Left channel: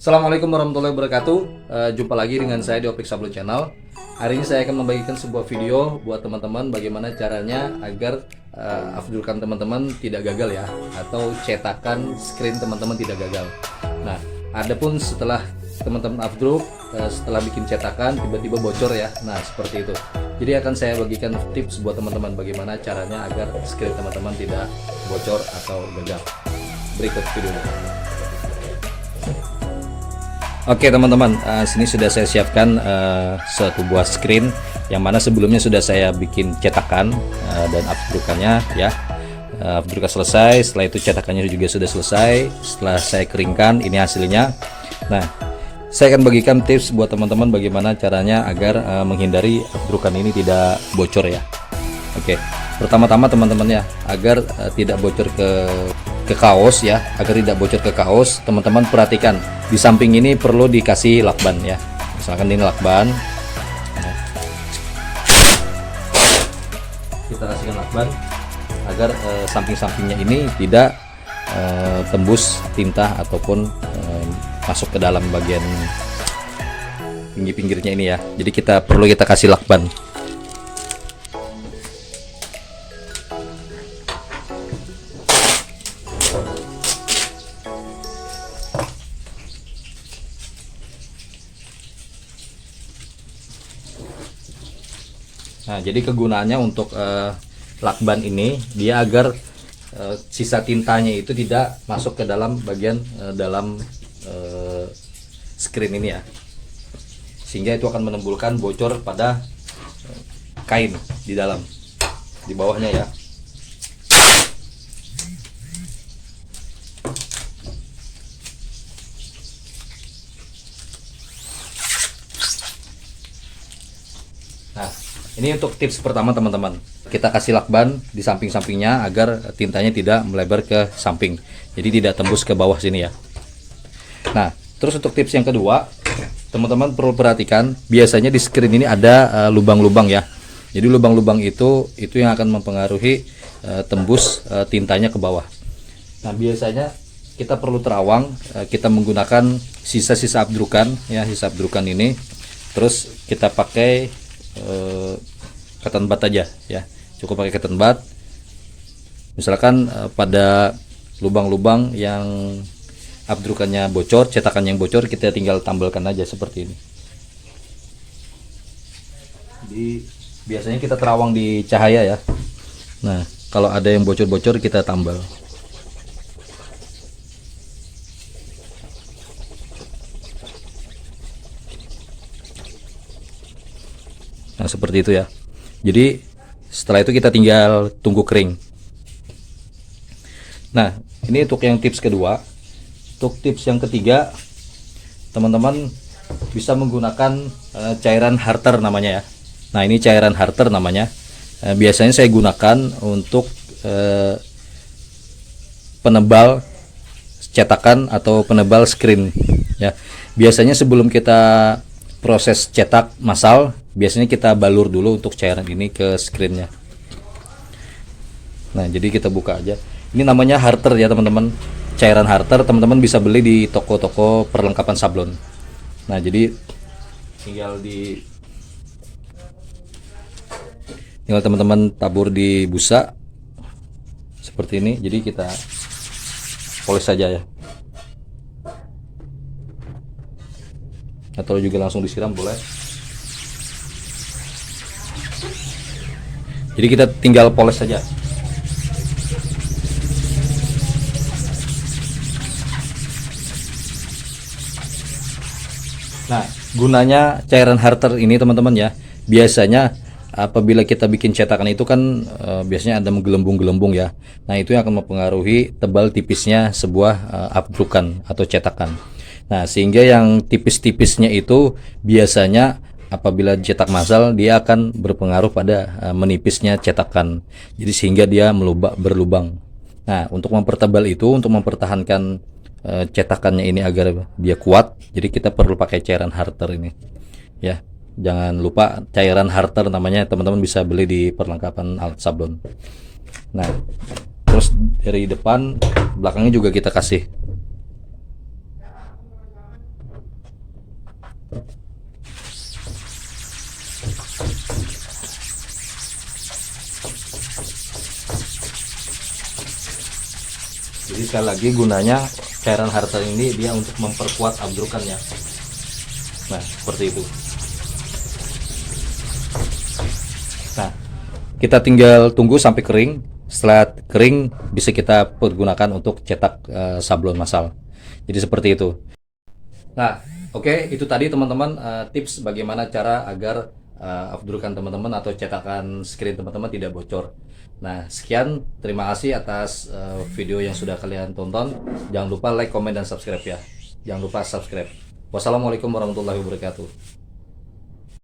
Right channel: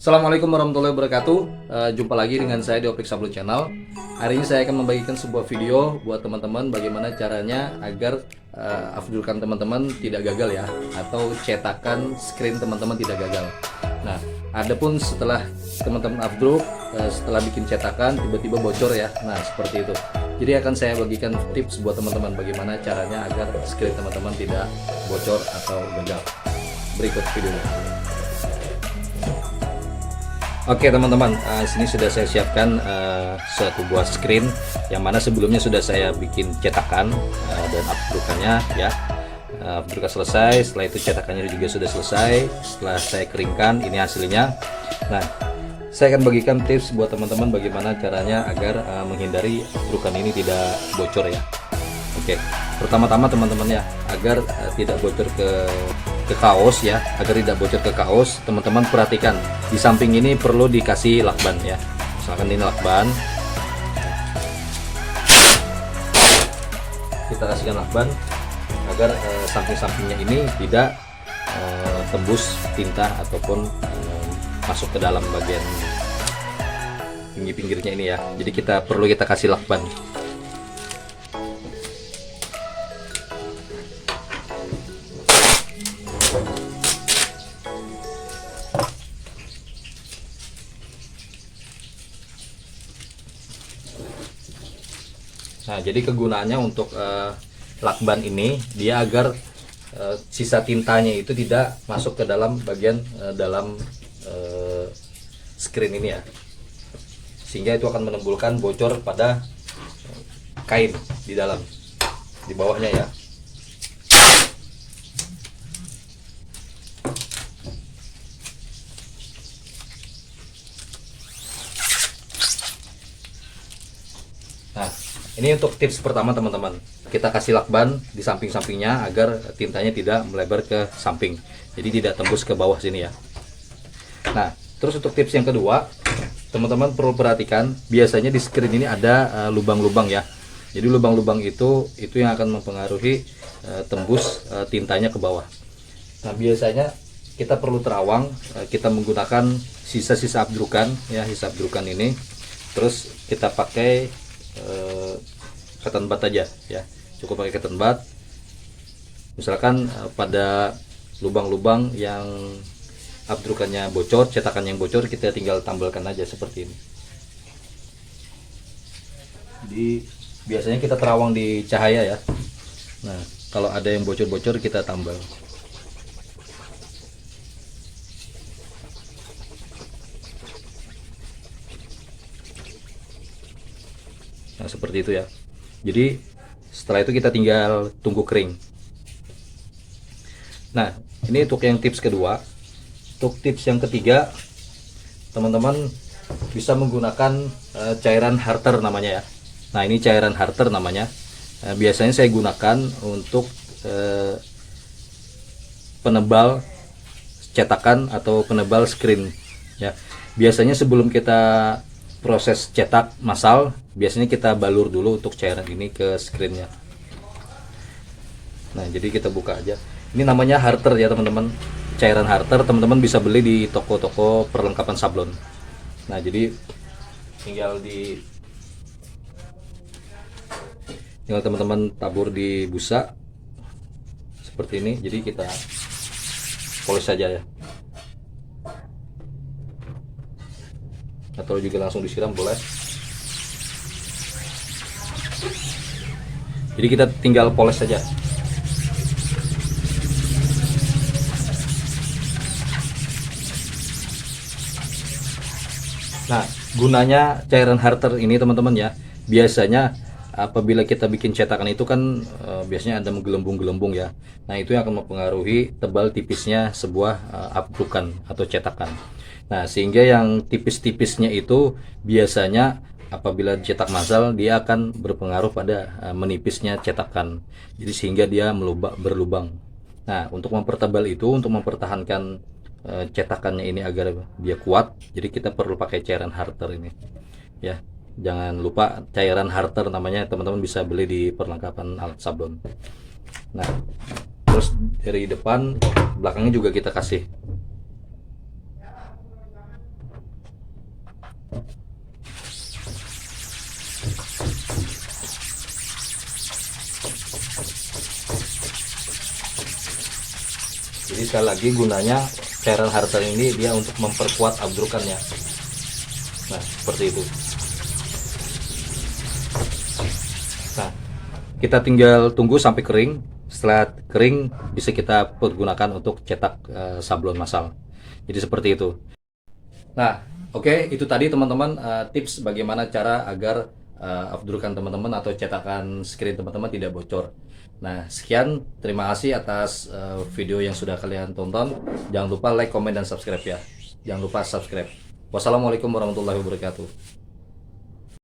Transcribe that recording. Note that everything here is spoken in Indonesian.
Assalamualaikum warahmatullahi wabarakatuh. Jumpa lagi dengan saya di Opik Sablon Channel. Hari ini saya akan membagikan sebuah video buat teman-teman bagaimana caranya agar afdurkan teman-teman tidak gagal ya, atau cetakan screen teman-teman tidak gagal. Nah, adapun setelah teman-teman afdruk, setelah bikin cetakan tiba-tiba bocor ya. Nah, seperti itu. Jadi akan saya bagikan tips buat teman-teman bagaimana caranya agar screen teman-teman tidak bocor atau gagal. Berikut videonya. Oke teman-teman, sini sudah saya siapkan suatu buah screen yang mana sebelumnya sudah saya bikin cetakan dan afdrukannya ya. Afdrukan selesai, setelah itu cetakannya juga sudah selesai. Setelah saya keringkan, ini hasilnya. Nah, saya akan bagikan tips buat teman-teman bagaimana caranya agar menghindari afdrukan ini tidak bocor ya. Oke, pertama-tama teman-teman ya, agar tidak bocor ke kaos ya, agar tidak bocor ke kaos, teman-teman perhatikan di samping ini perlu dikasih lakban ya. Misalkan ini lakban, kita kasihkan lakban agar samping-sampingnya ini tidak tembus tinta ataupun masuk ke dalam bagian pinggir-pinggirnya ini ya. Jadi kita kasih lakban. Nah, jadi kegunaannya untuk lakban ini dia agar sisa tintanya itu tidak masuk ke dalam bagian dalam screen ini ya, sehingga itu akan menimbulkan bocor pada kain di dalam, di bawahnya ya. Nah, ini untuk tips pertama teman-teman. Kita kasih lakban di samping-sampingnya agar tintanya tidak melebar ke samping. Jadi tidak tembus ke bawah sini ya. Nah, terus untuk tips yang kedua, teman-teman perlu perhatikan, biasanya di screen ini ada lubang-lubang ya. Jadi lubang-lubang itu yang akan mempengaruhi tembus tintanya ke bawah. Nah, biasanya kita perlu terawang, kita menggunakan sisa-sisa afdrukan ya, sisa afdrukan ini. Terus kita pakai cotton bud aja ya, cukup pakai cotton bud. Misalkan pada lubang-lubang yang afdrukannya bocor, cetakan yang bocor, kita tinggal tambelkan aja seperti ini. Biasanya kita terawang di cahaya ya. Nah, kalau ada yang bocor-bocor kita tambal. Nah, seperti itu ya. Jadi setelah itu kita tinggal tunggu kering. Nah, ini untuk yang tips kedua. Untuk tips yang ketiga, teman-teman bisa menggunakan cairan Harter namanya ya. Nah, ini cairan Harter namanya. Biasanya saya gunakan untuk penebal cetakan atau penebal screen ya. Biasanya sebelum kita proses cetak massal, biasanya kita balur dulu untuk cairan ini ke screennya. Nah, jadi kita buka aja. Ini namanya Harter ya teman-teman. Cairan Harter teman-teman bisa beli di toko-toko perlengkapan sablon. Nah, jadi tinggal teman-teman tabur di busa seperti ini. Jadi kita poles saja ya. Atau juga langsung disiram boleh. Jadi kita tinggal poles saja. Nah, gunanya cairan Harter ini teman-teman ya, biasanya apabila kita bikin cetakan itu kan biasanya ada menggelembung-gelembung ya. Nah, itu yang akan mempengaruhi tebal tipisnya sebuah afdrukan atau cetakan. Nah, sehingga yang tipis-tipisnya itu biasanya apabila cetak massal dia akan berpengaruh pada menipisnya cetakan. Jadi sehingga dia berlubang. Nah, untuk mempertebal itu, untuk mempertahankan cetakannya ini agar dia kuat, jadi kita perlu pakai cairan Harter ini. Ya, jangan lupa cairan Harter namanya, teman-teman bisa beli di perlengkapan alat sablon. Nah, terus dari depan, belakangnya juga kita kasih. Jadi sekali lagi gunanya cairan hartan ini dia untuk memperkuat abdrukannya. Nah, seperti itu. Nah, kita tinggal tunggu sampai kering. Setelah kering bisa kita pergunakan untuk cetak sablon massal. Jadi seperti itu. Nah, oke, itu tadi teman-teman tips bagaimana cara agar abdrukan teman-teman atau cetakan screen teman-teman tidak bocor. Nah, sekian, terima kasih atas video yang sudah kalian tonton. Jangan lupa like, komen, dan subscribe ya. Jangan lupa subscribe. Wassalamualaikum warahmatullahi wabarakatuh.